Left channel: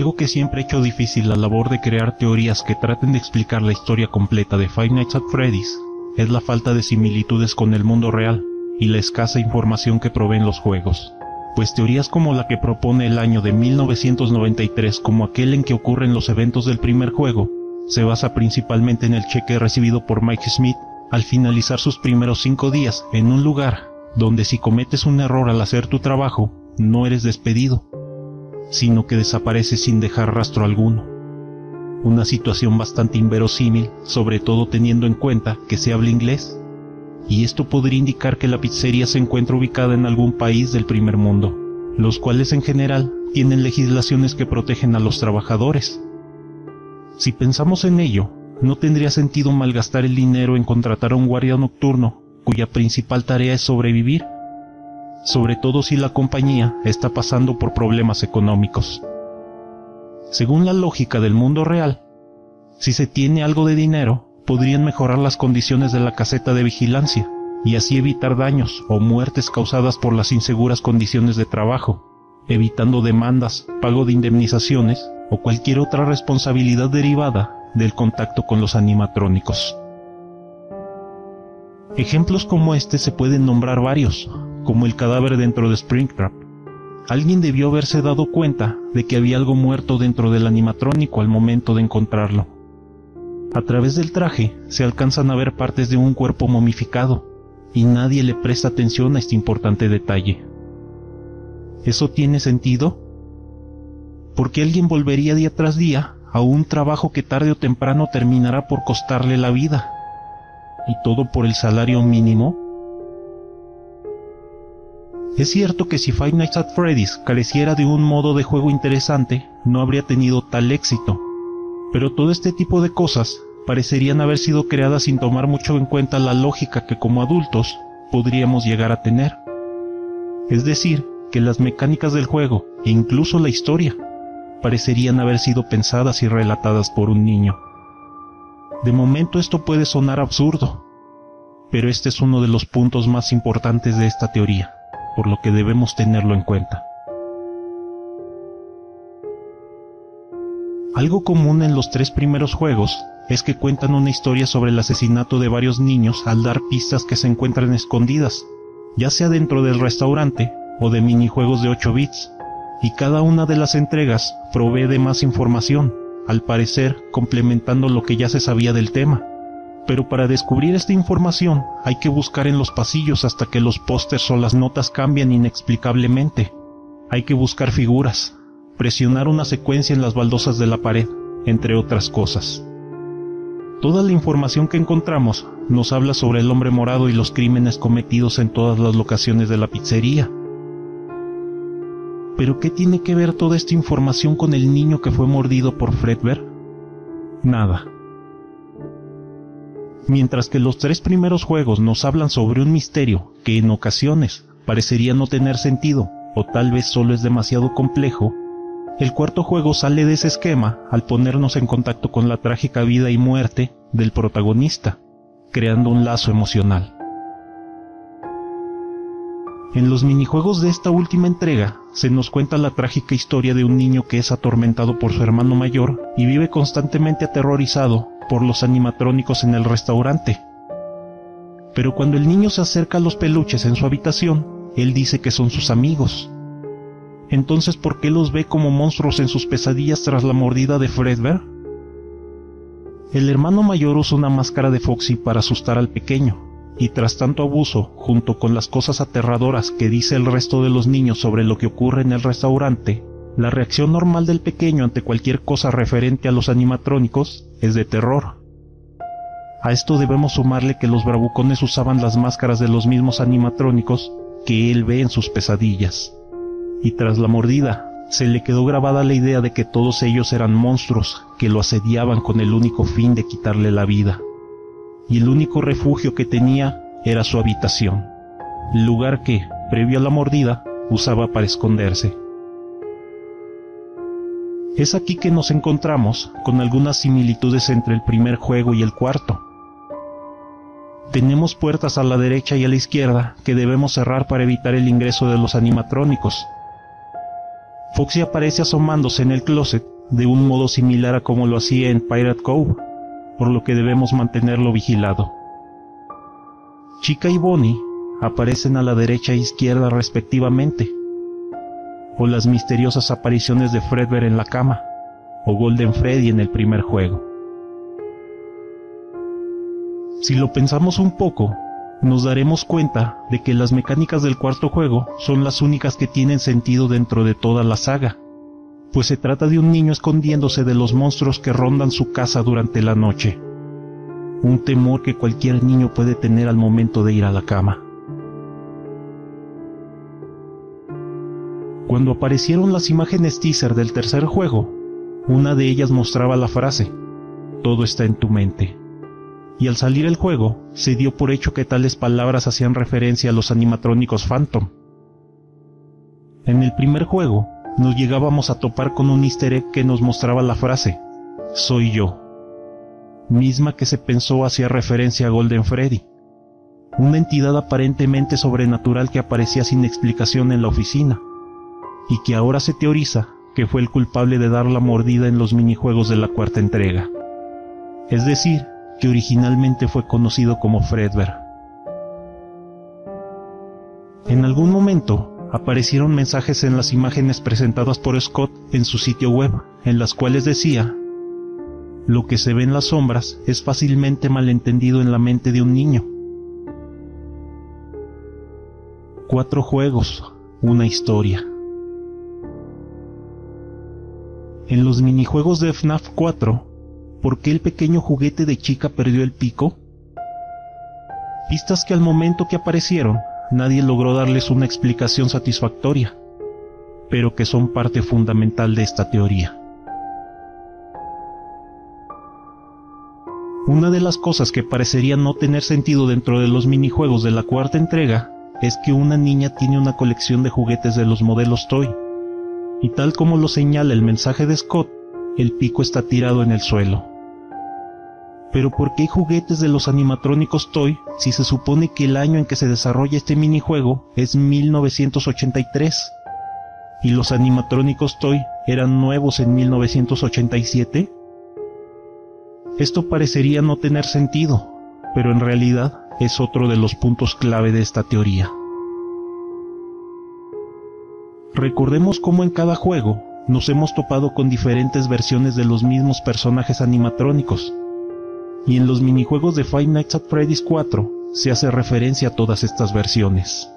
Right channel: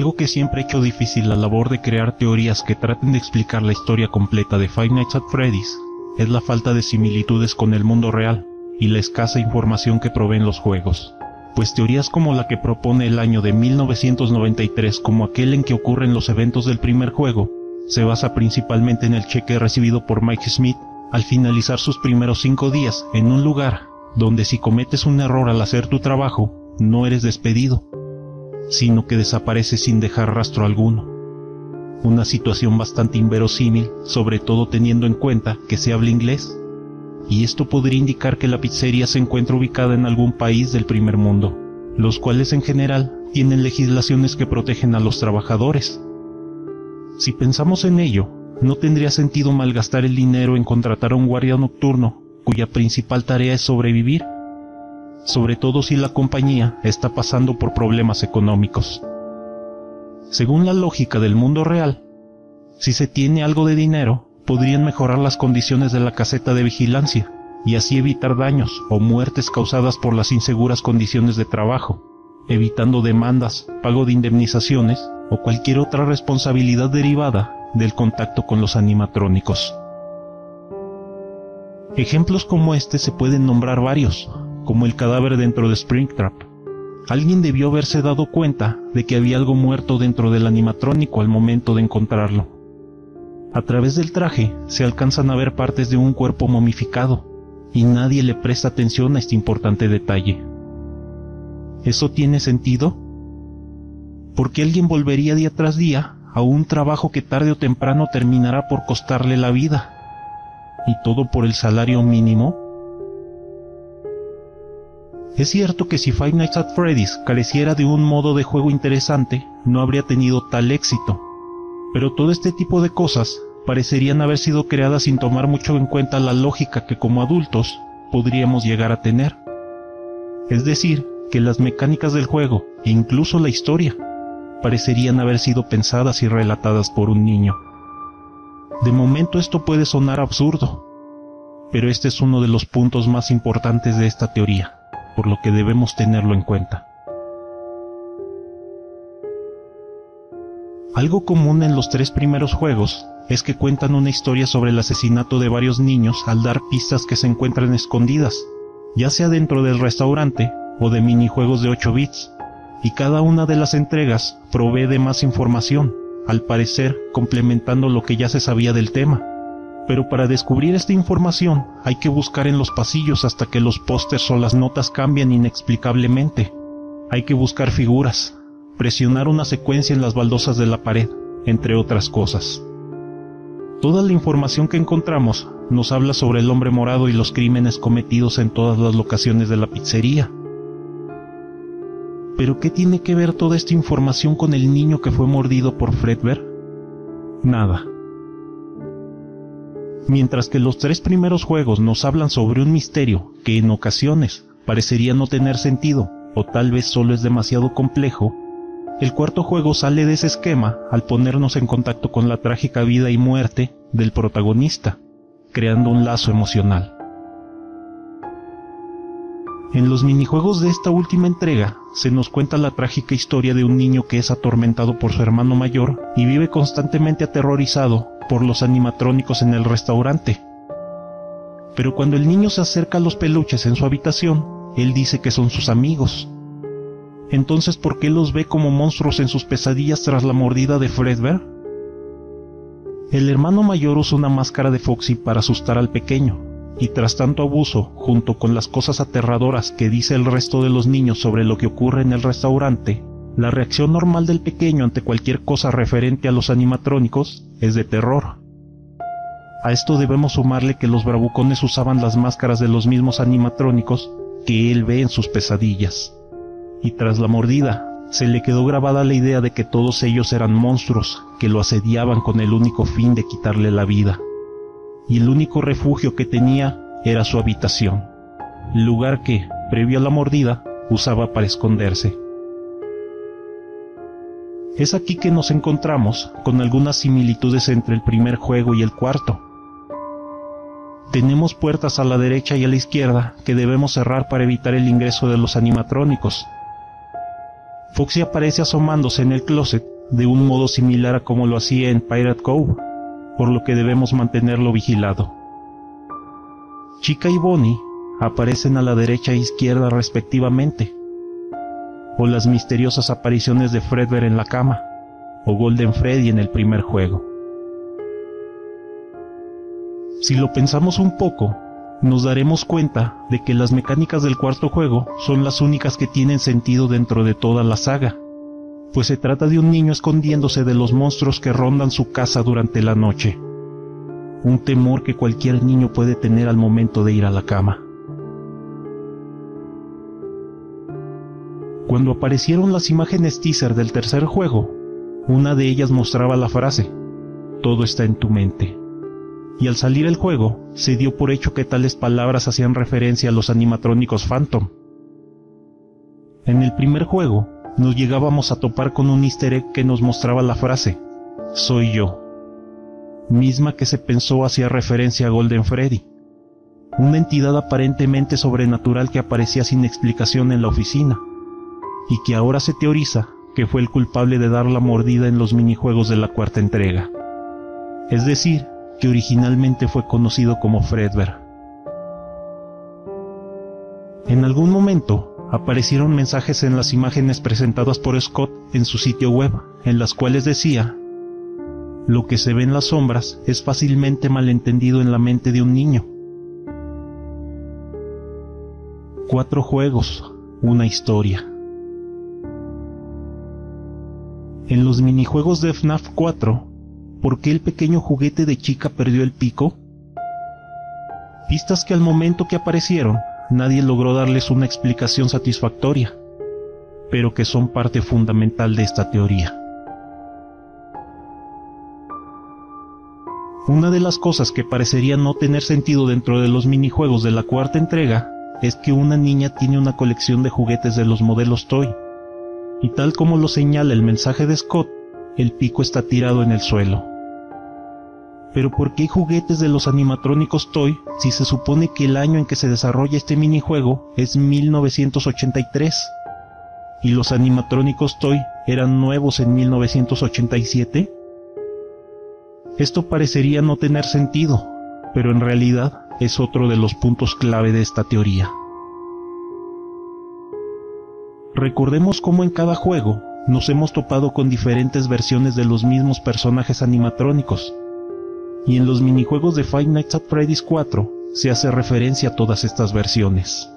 Algo que siempre ha hecho difícil la labor de crear teorías que traten de explicar la historia completa de Five Nights at Freddy's es la falta de similitudes con el mundo real y la escasa información que proveen los juegos. Pues teorías como la que propone el año de 1993 como aquel en que ocurren los eventos del primer juego, se basa principalmente en el cheque recibido por Mike Smith al finalizar sus primeros 5 días en un lugar donde si cometes un error al hacer tu trabajo, no eres despedido, sino que desapareces sin dejar rastro alguno. Una situación bastante inverosímil, sobre todo teniendo en cuenta que se habla inglés, y esto podría indicar que la pizzería se encuentra ubicada en algún país del primer mundo, los cuales en general tienen legislaciones que protegen a los trabajadores. Si pensamos en ello, no tendría sentido malgastar el dinero en contratar a un guardia nocturno cuya principal tarea es sobrevivir, sobre todo si la compañía está pasando por problemas económicos. Según la lógica del mundo real, si se tiene algo de dinero, podrían mejorar las condiciones de la caseta de vigilancia y así evitar daños o muertes causadas por las inseguras condiciones de trabajo, evitando demandas, pago de indemnizaciones o cualquier otra responsabilidad derivada del contacto con los animatrónicos. Ejemplos como este se pueden nombrar varios, como el cadáver dentro de Springtrap. Alguien debió haberse dado cuenta de que había algo muerto dentro del animatrónico al momento de encontrarlo. A través del traje se alcanzan a ver partes de un cuerpo momificado, y nadie le presta atención a este importante detalle. ¿Eso tiene sentido? Porque alguien volvería día tras día a un trabajo que tarde o temprano terminará por costarle la vida. ¿Y todo por el salario mínimo? Es cierto que si Five Nights at Freddy's careciera de un modo de juego interesante, no habría tenido tal éxito. Pero todo este tipo de cosas parecerían haber sido creadas sin tomar mucho en cuenta la lógica que como adultos podríamos llegar a tener. Es decir, que las mecánicas del juego e incluso la historia parecerían haber sido pensadas y relatadas por un niño. De momento esto puede sonar absurdo, pero este es uno de los puntos más importantes de esta teoría, por lo que debemos tenerlo en cuenta. Algo común en los 3 primeros juegos es que cuentan una historia sobre el asesinato de varios niños al dar pistas que se encuentran escondidas, ya sea dentro del restaurante o de minijuegos de 8 bits, y cada una de las entregas provee de más información, al parecer complementando lo que ya se sabía del tema. Pero para descubrir esta información hay que buscar en los pasillos hasta que los pósters o las notas cambian inexplicablemente. Hay que buscar figuras, presionar una secuencia en las baldosas de la pared, entre otras cosas. Toda la información que encontramos nos habla sobre el hombre morado y los crímenes cometidos en todas las locaciones de la pizzería. ¿Pero qué tiene que ver toda esta información con el niño que fue mordido por Fredbear? Nada. Mientras que los 3 primeros juegos nos hablan sobre un misterio que en ocasiones parecería no tener sentido o tal vez solo es demasiado complejo, el cuarto juego sale de ese esquema al ponernos en contacto con la trágica vida y muerte del protagonista, creando un lazo emocional. En los minijuegos de esta última entrega se nos cuenta la trágica historia de un niño que es atormentado por su hermano mayor y vive constantemente aterrorizado por los animatrónicos en el restaurante. Pero cuando el niño se acerca a los peluches en su habitación, él dice que son sus amigos. Entonces, ¿por qué los ve como monstruos en sus pesadillas tras la mordida de Fredbear? El hermano mayor usa una máscara de Foxy para asustar al pequeño, y tras tanto abuso, junto con las cosas aterradoras que dice el resto de los niños sobre lo que ocurre en el restaurante, la reacción normal del pequeño ante cualquier cosa referente a los animatrónicos es de terror. A esto debemos sumarle que los bravucones usaban las máscaras de los mismos animatrónicos que él ve en sus pesadillas. Y tras la mordida, se le quedó grabada la idea de que todos ellos eran monstruos que lo asediaban con el único fin de quitarle la vida. Y el único refugio que tenía era su habitación, el lugar que, previo a la mordida, usaba para esconderse. Es aquí que nos encontramos con algunas similitudes entre el primer juego y el cuarto. Tenemos puertas a la derecha y a la izquierda que debemos cerrar para evitar el ingreso de los animatrónicos. Foxy aparece asomándose en el closet de un modo similar a como lo hacía en Pirate Cove, por lo que debemos mantenerlo vigilado. Chica y Bonnie aparecen a la derecha e izquierda respectivamente, o las misteriosas apariciones de Fredbear en la cama, o Golden Freddy en el primer juego. Si lo pensamos un poco, nos daremos cuenta de que las mecánicas del cuarto juego son las únicas que tienen sentido dentro de toda la saga, pues se trata de un niño escondiéndose de los monstruos que rondan su casa durante la noche, un temor que cualquier niño puede tener al momento de ir a la cama. Cuando aparecieron las imágenes teaser del tercer juego, una de ellas mostraba la frase, "Todo está en tu mente". Y al salir el juego, se dio por hecho que tales palabras hacían referencia a los animatrónicos Phantom. En el primer juego, nos llegábamos a topar con un easter egg que nos mostraba la frase, "Soy yo", misma que se pensó hacía referencia a Golden Freddy, una entidad aparentemente sobrenatural que aparecía sin explicación en la oficina, y que ahora se teoriza que fue el culpable de dar la mordida en los minijuegos de la cuarta entrega. Es decir, que originalmente fue conocido como Fredbear. En algún momento aparecieron mensajes en las imágenes presentadas por Scott en su sitio web, en las cuales decía: "Lo que se ve en las sombras es fácilmente malentendido en la mente de un niño". 4 juegos, una historia. En los minijuegos de FNAF 4, ¿por qué el pequeño juguete de Chica perdió el pico? Pistas que al momento que aparecieron, nadie logró darles una explicación satisfactoria, pero que son parte fundamental de esta teoría. Una de las cosas que parecería no tener sentido dentro de los minijuegos de la cuarta entrega es que una niña tiene una colección de juguetes de los modelos Toy, y tal como lo señala el mensaje de Scott, el pico está tirado en el suelo. Pero ¿por qué hay juguetes de los animatrónicos Toy si se supone que el año en que se desarrolla este minijuego es 1983? ¿Y los animatrónicos Toy eran nuevos en 1987? Esto parecería no tener sentido, pero en realidad es otro de los puntos clave de esta teoría. Recordemos cómo en cada juego nos hemos topado con diferentes versiones de los mismos personajes animatrónicos, y en los minijuegos de Five Nights at Freddy's 4 se hace referencia a todas estas versiones.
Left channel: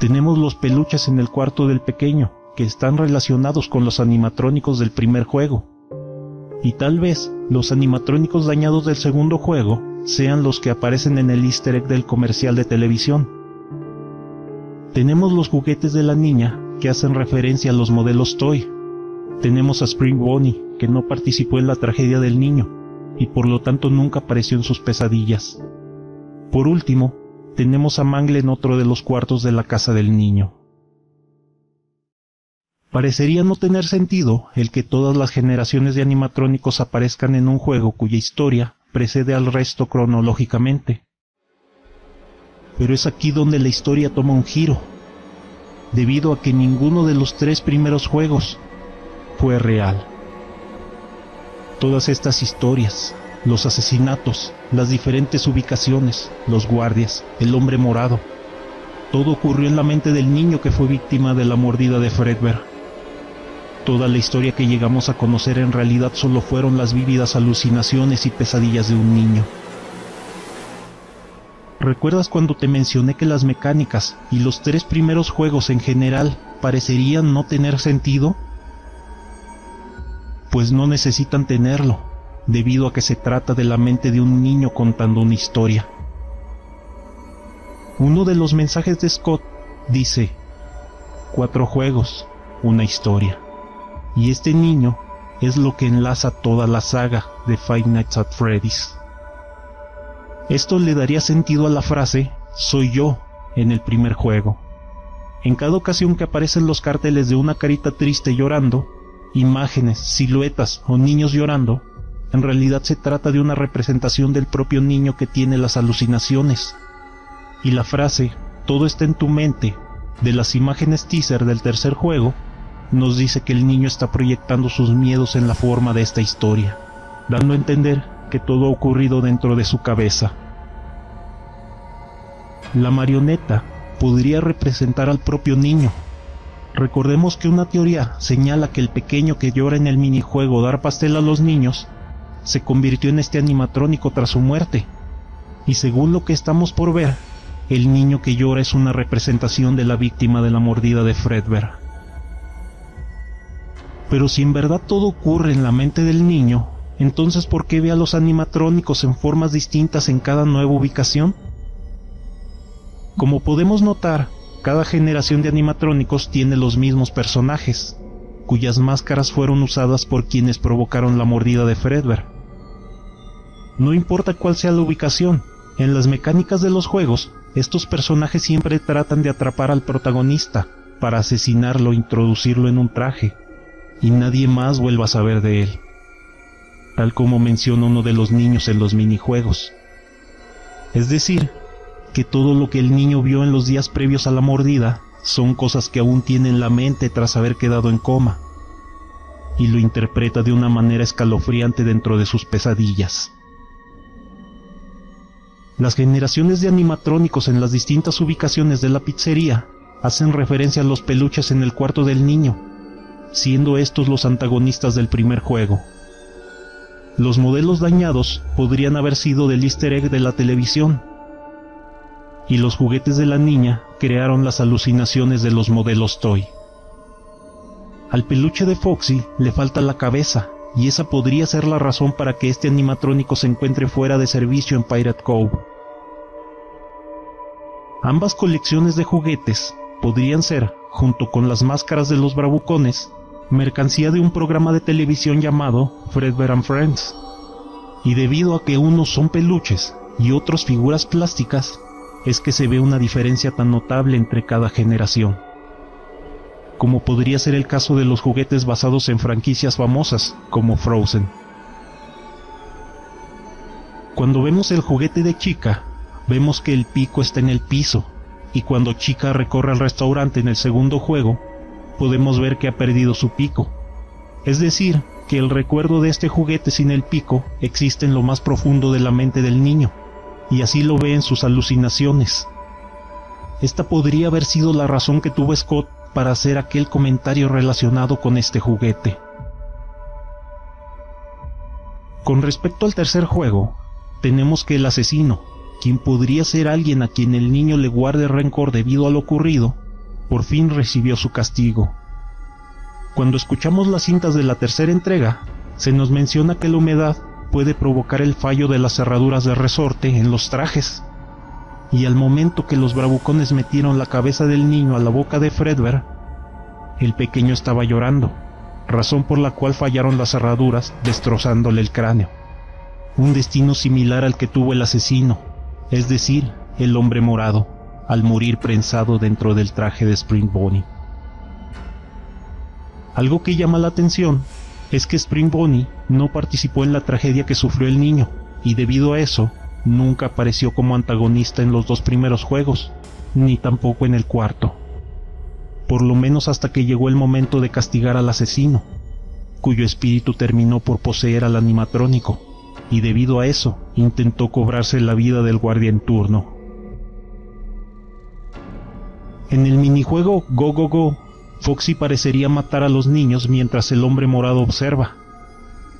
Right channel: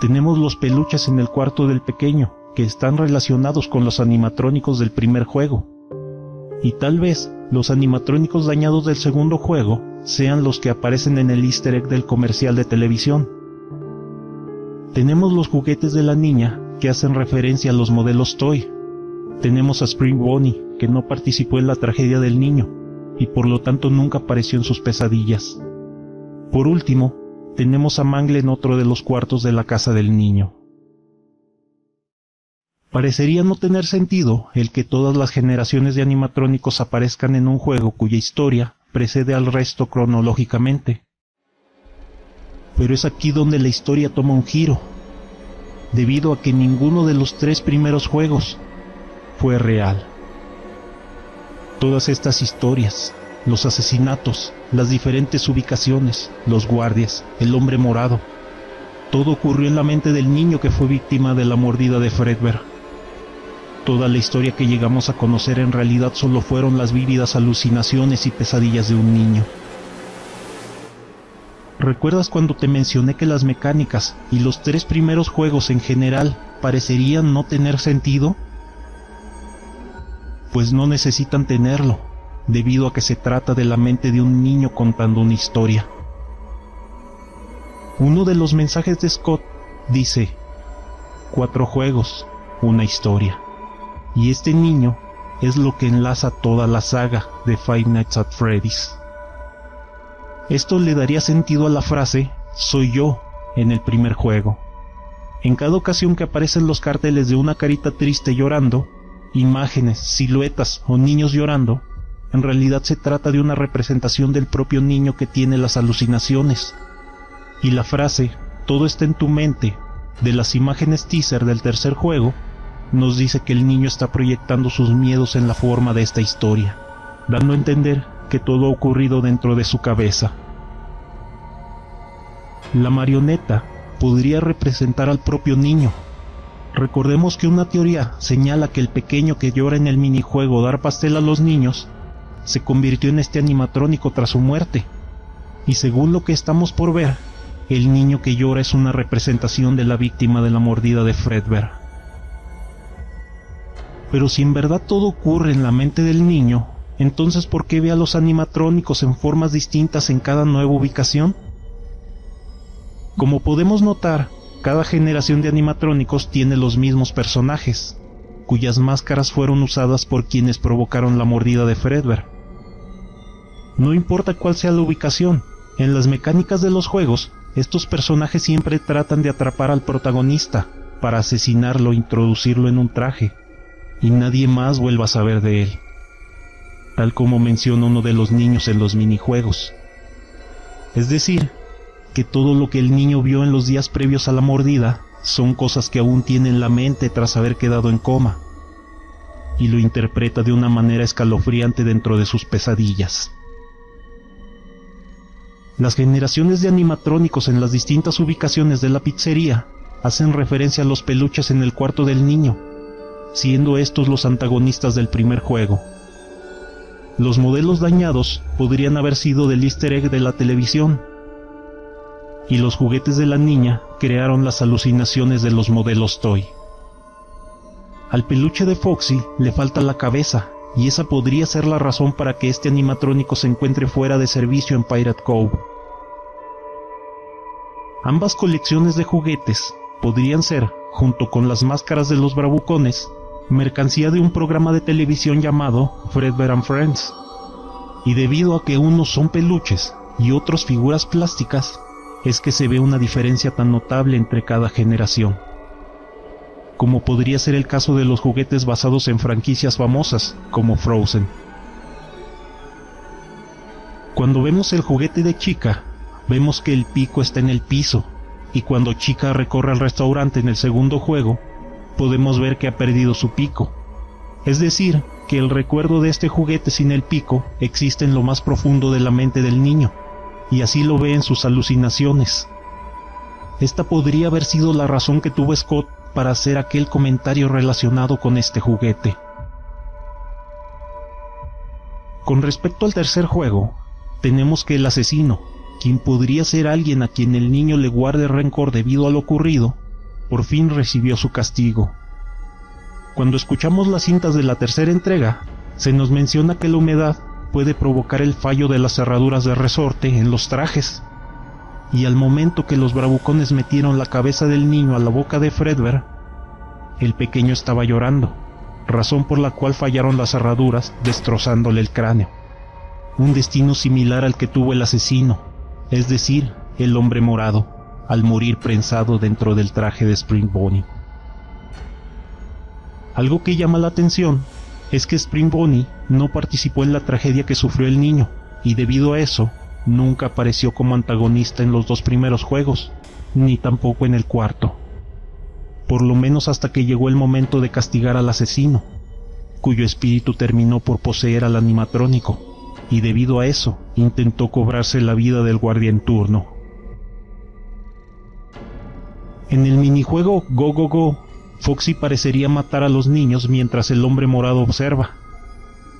Tenemos los peluches en el cuarto del pequeño, que están relacionados con los animatrónicos del primer juego, y tal vez los animatrónicos dañados del segundo juego sean los que aparecen en el easter egg del comercial de televisión. Tenemos los juguetes de la niña que hacen referencia a los modelos Toy. Tenemos a Spring Bonnie, que no participó en la tragedia del niño y por lo tanto nunca apareció en sus pesadillas. Por último, tenemos a Mangle en otro de los cuartos de la casa del niño. Parecería no tener sentido el que todas las generaciones de animatrónicos aparezcan en un juego cuya historia precede al resto cronológicamente. Pero es aquí donde la historia toma un giro, debido a que ninguno de los 3 primeros juegos fue real. Todas estas historias, los asesinatos, las diferentes ubicaciones, los guardias, el hombre morado, todo ocurrió en la mente del niño que fue víctima de la mordida de Fredbear. Toda la historia que llegamos a conocer en realidad solo fueron las vívidas alucinaciones y pesadillas de un niño. ¿Recuerdas cuando te mencioné que las mecánicas y los 3 primeros juegos en general parecerían no tener sentido? Pues no necesitan tenerlo, debido a que se trata de la mente de un niño contando una historia. Uno de los mensajes de Scott dice: 4 juegos, una historia. Y este niño es lo que enlaza toda la saga de Five Nights at Freddy's. Esto le daría sentido a la frase "soy yo" en el primer juego. En cada ocasión que aparecen los carteles de una carita triste llorando, imágenes, siluetas o niños llorando, en realidad se trata de una representación del propio niño que tiene las alucinaciones. Y la frase "todo está en tu mente" de las imágenes teaser del tercer juego, nos dice que el niño está proyectando sus miedos en la forma de esta historia, dando a entender que todo ha ocurrido dentro de su cabeza. La marioneta podría representar al propio niño. Recordemos que una teoría señala que el pequeño que llora en el minijuego Dar pastel a los niños se convirtió en este animatrónico tras su muerte, y según lo que estamos por ver, el niño que llora es una representación de la víctima de la mordida de Fredbear. Pero si en verdad todo ocurre en la mente del niño, entonces ¿por qué ve a los animatrónicos en formas distintas en cada nueva ubicación? Como podemos notar, cada generación de animatrónicos tiene los mismos personajes, cuyas máscaras fueron usadas por quienes provocaron la mordida de Fredbear. No importa cuál sea la ubicación, en las mecánicas de los juegos, estos personajes siempre tratan de atrapar al protagonista para asesinarlo e introducirlo en un traje, y nadie más vuelva a saber de él, tal como menciona uno de los niños en los minijuegos. Es decir, que todo lo que el niño vio en los días previos a la mordida son cosas que aún tiene en la mente tras haber quedado en coma, y lo interpreta de una manera escalofriante dentro de sus pesadillas. Las generaciones de animatrónicos en las distintas ubicaciones de la pizzería hacen referencia a los peluches en el cuarto del niño, siendo estos los antagonistas del primer juego. Los modelos dañados podrían haber sido del easter egg de la televisión, y los juguetes de la niña crearon las alucinaciones de los modelos Toy. Al peluche de Foxy le falta la cabeza, y esa podría ser la razón para que este animatrónico se encuentre fuera de servicio en Pirate Cove. Ambas colecciones de juguetes podrían ser, junto con las máscaras de los bravucones, mercancía de un programa de televisión llamado Fredbear and Friends, y debido a que unos son peluches y otros figuras plásticas, es que se ve una diferencia tan notable entre cada generación, como podría ser el caso de los juguetes basados en franquicias famosas, como Frozen. Cuando vemos el juguete de Chica, vemos que el pico está en el piso, y cuando Chica recorre el restaurante en el segundo juego, podemos ver que ha perdido su pico. Es decir, que el recuerdo de este juguete sin el pico existe en lo más profundo de la mente del niño, y así lo ve en sus alucinaciones. Esta podría haber sido la razón que tuvo Scott para hacer aquel comentario relacionado con este juguete. Con respecto al tercer juego, tenemos que el asesino, quien podría ser alguien a quien el niño le guarde rencor debido a lo ocurrido, por fin recibió su castigo. Cuando escuchamos las cintas de la tercera entrega, se nos menciona que la humedad puede provocar el fallo de las cerraduras de resorte en los trajes, y al momento que los bravucones metieron la cabeza del niño a la boca de Fredbear, el pequeño estaba llorando, razón por la cual fallaron las cerraduras, destrozándole el cráneo. Un destino similar al que tuvo el asesino, es decir, el hombre morado, al morir prensado dentro del traje de Spring Bonnie. Algo que llama la atención es que Spring Bonnie no participó en la tragedia que sufrió el niño, y debido a eso, nunca apareció como antagonista en los dos primeros juegos, ni tampoco en el cuarto. Por lo menos hasta que llegó el momento de castigar al asesino, cuyo espíritu terminó por poseer al animatrónico, y debido a eso, intentó cobrarse la vida del guardia en turno. En el minijuego Go Go Go, Foxy parecería matar a los niños mientras el hombre morado observa,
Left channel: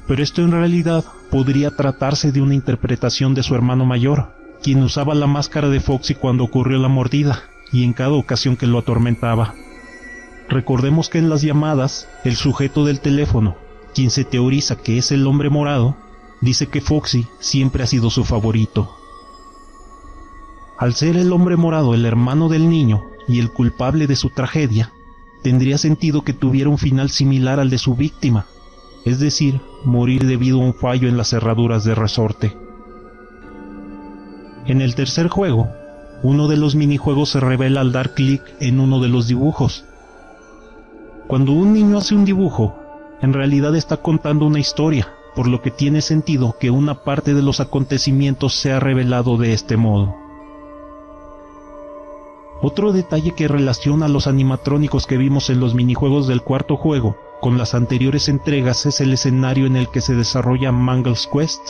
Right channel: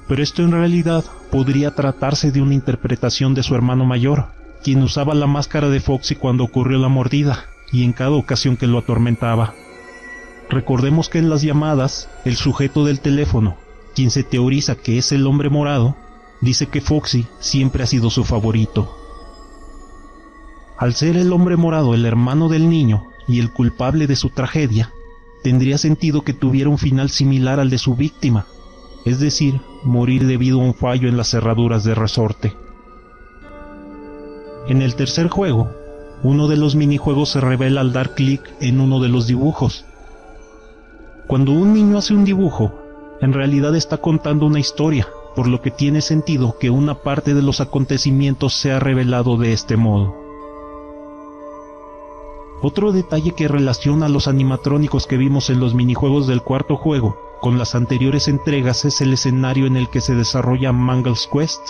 pero esto en realidad podría tratarse de una interpretación de su hermano mayor, quien usaba la máscara de Foxy cuando ocurrió la mordida, y en cada ocasión que lo atormentaba. Recordemos que en las llamadas, el sujeto del teléfono, quien se teoriza que es el hombre morado, dice que Foxy siempre ha sido su favorito. Al ser el hombre morado el hermano del niño y el culpable de su tragedia, tendría sentido que tuviera un final similar al de su víctima, es decir, morir debido a un fallo en las cerraduras de resorte. En el tercer juego, uno de los minijuegos se revela al dar clic en uno de los dibujos. Cuando un niño hace un dibujo, en realidad está contando una historia, por lo que tiene sentido que una parte de los acontecimientos sea revelado de este modo. Otro detalle que relaciona a los animatrónicos que vimos en los minijuegos del cuarto juego con las anteriores entregas es el escenario en el que se desarrolla Mangle's Quest.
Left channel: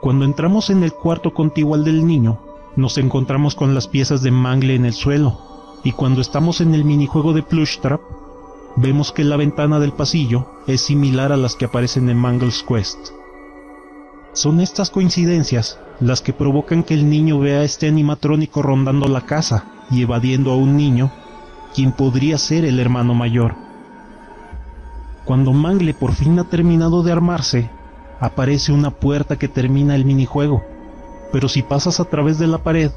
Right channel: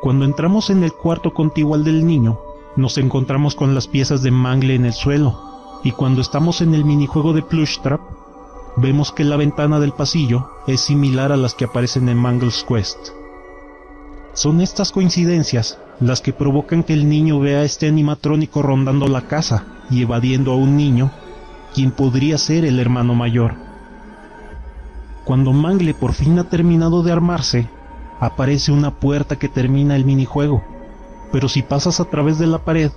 Cuando entramos en el cuarto contiguo al del niño, nos encontramos con las piezas de Mangle en el suelo, y cuando estamos en el minijuego de Plush Trap, vemos que la ventana del pasillo es similar a las que aparecen en Mangle's Quest. Son estas coincidencias las que provocan que el niño vea a este animatrónico rondando la casa y evadiendo a un niño, quien podría ser el hermano mayor. Cuando Mangle por fin ha terminado de armarse, aparece una puerta que termina el minijuego, pero si pasas a través de la pared,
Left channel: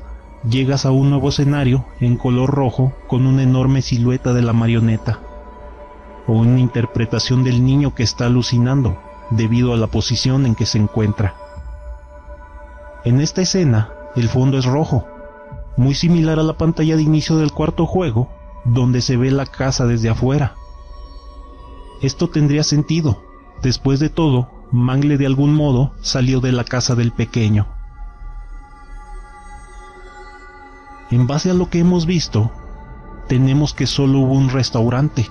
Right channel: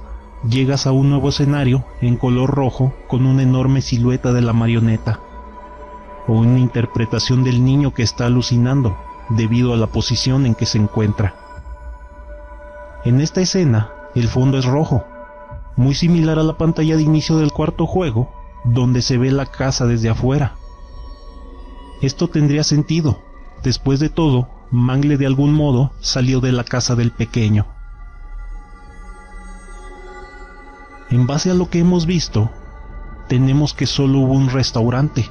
llegas a un nuevo escenario en color rojo con una enorme silueta de la marioneta, o una interpretación del niño que está alucinando debido a la posición en que se encuentra. En esta escena, el fondo es rojo, muy similar a la pantalla de inicio del cuarto juego, donde se ve la casa desde afuera. Esto tendría sentido. Después de todo, Mangle de algún modo salió de la casa del pequeño. En base a lo que hemos visto, tenemos que solo hubo un restaurante,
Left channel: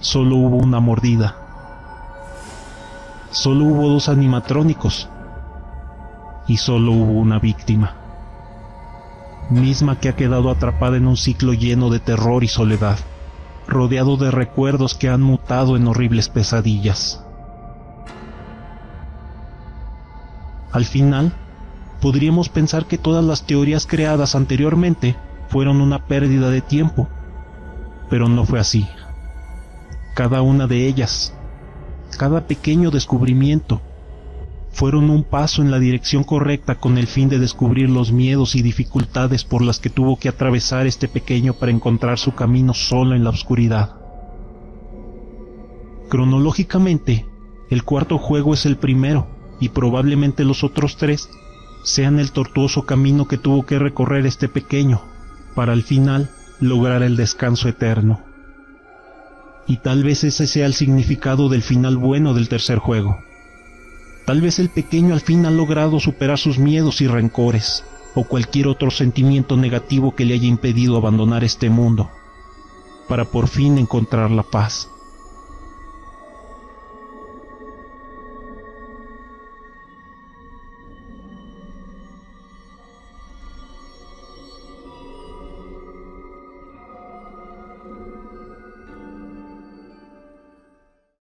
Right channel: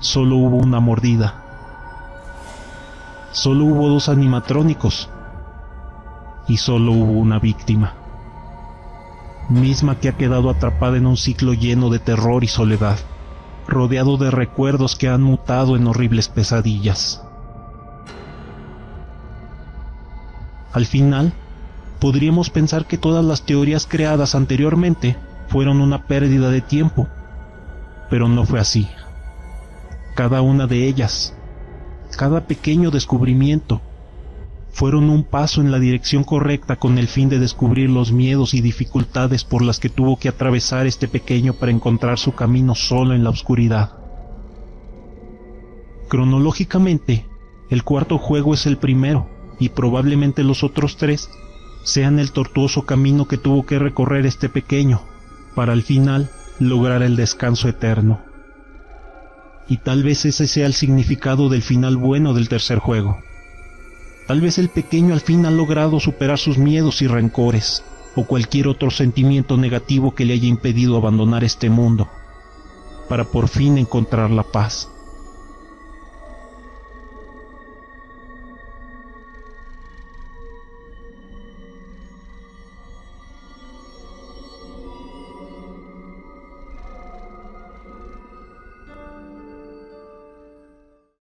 solo hubo una mordida, solo hubo 2 animatrónicos y solo hubo una víctima, misma que ha quedado atrapada en un ciclo lleno de terror y soledad, rodeado de recuerdos que han mutado en horribles pesadillas. Al final, podríamos pensar que todas las teorías creadas anteriormente fueron una pérdida de tiempo, pero no fue así. Cada una de ellas, cada pequeño descubrimiento, fueron un paso en la dirección correcta con el fin de descubrir los miedos y dificultades por las que tuvo que atravesar este pequeño para encontrar su camino solo en la oscuridad. Cronológicamente, el cuarto juego es el primero, y probablemente los otros 3 sean el tortuoso camino que tuvo que recorrer este pequeño, para al final lograr el descanso eterno. Y tal vez ese sea el significado del final bueno del tercer juego. Tal vez el pequeño al fin ha logrado superar sus miedos y rencores, o cualquier otro sentimiento negativo que le haya impedido abandonar este mundo, para por fin encontrar la paz.